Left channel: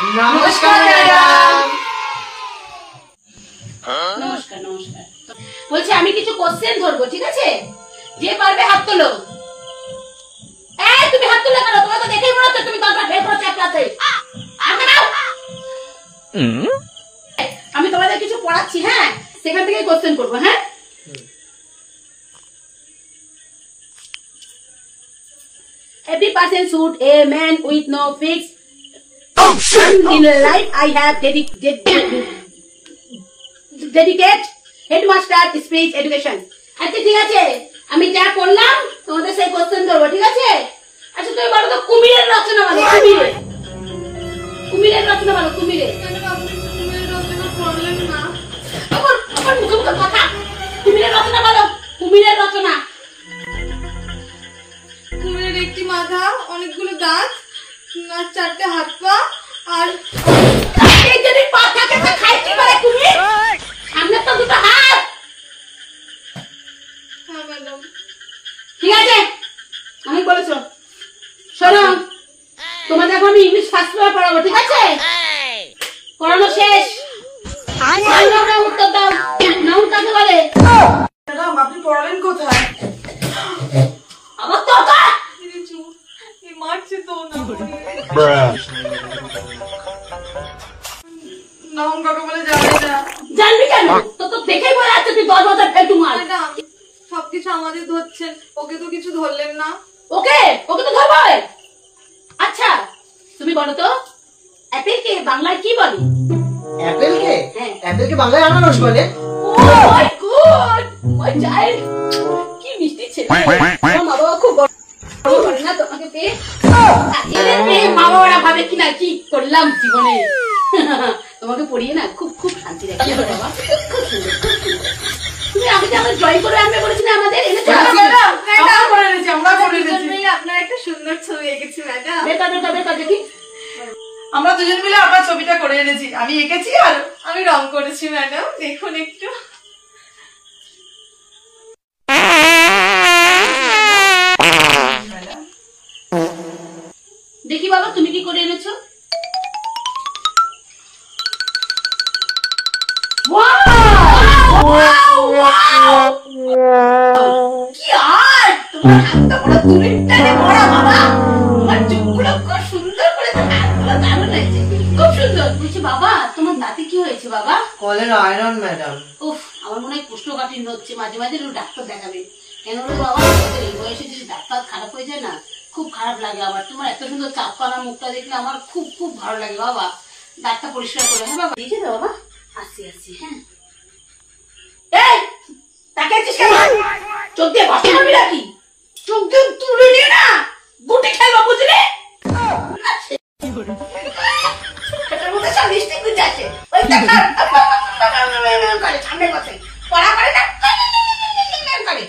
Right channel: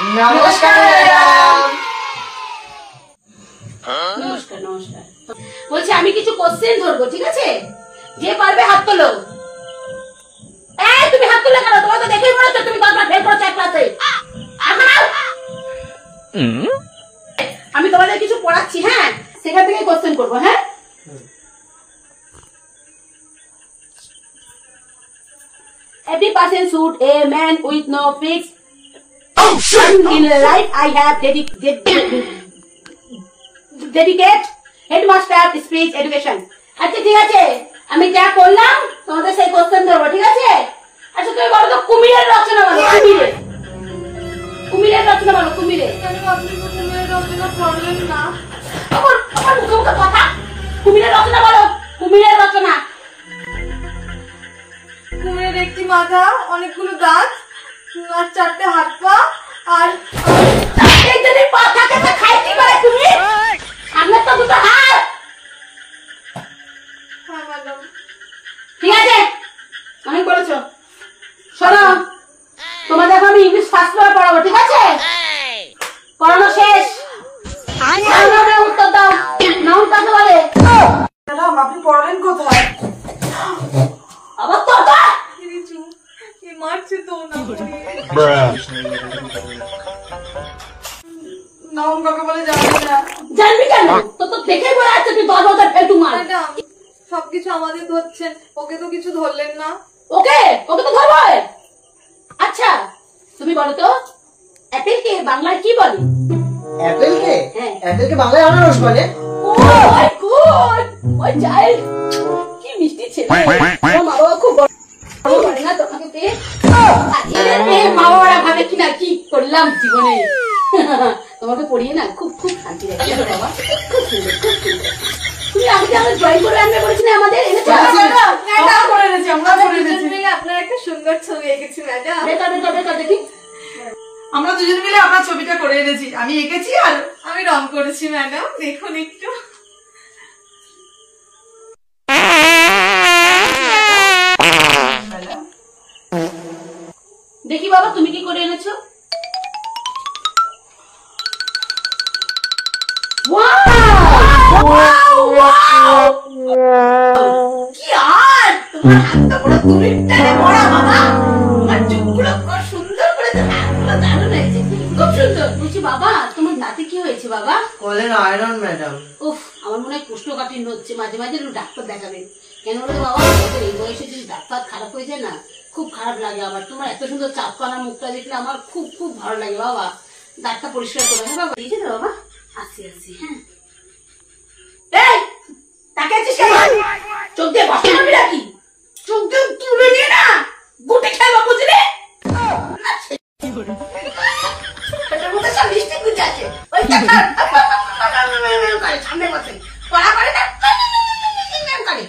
নমস্কার ম্যাডাম। নমস্কার নমস্কার। বলছি আমি কিছু কোশ্চেন ধরবো, ঠিক আছে? যে পারবে হাত তোলো। এই তুমি হাত তুলে কেন? তোমার তো দেখেই মনে হচ্ছে তুমি দরকার ফেল করছো ক্লাসে। আমি তোমাদের কিছু পড়াচ্ছি, হ্যাঁ, সেখান থেকে কোশ্চেন করবো। হ্যাঁ, every person should a man with no fixed in life. I have dedicate headmaster speech education. আচ্ছা ঠিক আছে, আমি যা করলাম তোমাদের সেই কোশ্চেন ধরবো, ঠিক আছে? আচ্ছা তুমি বলো তো, কুমিরের রচনা বলো। কুমিরের রচনা বলো। কুমিরের মুখে মুখে কথা। কুমিরের রচনা বলো। কুমিরের রচনা। কুমিরের একটি মাথা, অনেকগুলো দাঁত, আর 4টে হাত পা, আর যদি পা থাকে তো খাই কি করে কুমির? সামনে তো দুটো হাত। হ্যাঁ ম্যাডাম। ঠিক আছে, অনেক বলেছো। শোনো, তোমাদের এখন আমি ইংলিশ ফার্স্ট পেপার পড়াবো, ঠিক আছে? পড়ানো শেষ। উত্তর দাও। নাউন কাকে বলে? ম্যাডাম আপনি পড়ালেন কোথায়? আবার তো মারছে তো নাম কাকে বলে জানি না। জানবি কেন? তো তো দেখেই বলে আছে তুই 10 ফেলতু মাল। ম্যাডাম সবকিছু আমাদের ধরছেন, ওকে তো কিছু ধরলেন না। ওকে ওকে তো ধরবো। আচ্ছা তুমি বলো তো, অ্যাপেলকে বাংলায় কি বলে? অ্যাপেলকে? হ্যাঁ। অ্যাপেলকে বাংলায় আনারস বলে। ও মাই গড, মাই চাইল্ড, কি মিষ্টি ছেলে। আমার মা বাবা খুব বড় করে না তোমাকে পেয়ে। মা বাবারা ভাবে কিনা কি করলাম জীবনে। তোমাকে পড়িয়ে না খুব খুব শান্তি লাগছে বাবা। খুব সুন্দর, খুব সুন্দর। তুমি আমাকে আমার ড্রয়িং করে আনবে বলেছিলে, আমাদের এনেছো? আপনার একটা সুন্দর ছবি এঁকেছি ম্যাডাম। বেটা বেটা বেটা দেখি। আমরা দুজন মিলে আপনার ছবিটা করে এনেছি, আমি এঁকেছি আর আমি রং করেছি ম্যাডাম, দেখুন একটু। দেখি বাবা তুমি কি করে এনেছো। কি আর তোমার হাতটা বড় দূরের টানে পড়া বাবা। তোমার চোখগুলো খুব সুন্দর করে, হাতগুলো দারুণ হয়েছে, খুব সুন্দর। বলছি বাবা তোমার দাঁতে কি হয়েছে বাবা? কলের আয়রন ম্যাডাম। উফ, আমার মনে হয় কোষ্ঠকাঠিন্য হচ্ছে, মাঝে মাঝে ডাক্তার দেখাবে। কেন রে বাবা, এই বয়সে যদি দাঁত খারাপ হয়ে যায় না, খুব খারাপ লাগে। আবার তোমার এত সুন্দর চাপকানা মুখটা দেখলে আমার খুব খুব ভালো লাগে বাবা। দাঁতটা পরিষ্কার করবে। হ্যাঁ বাবা, ঠিক আছে বাবা, আসছি আসছি। হ্যাঁ, এই তাকে আছিস কেন? চোখ দিয়ে বসে যাবি নাকি? চোখ দিয়ে তুলে নিয়ে না গুটে খেলবা, বুঝলে? এটার মধ্যে সব মিষ্টি গুঁজে আছে। ওই সামনে বসে পড়া করে না করে।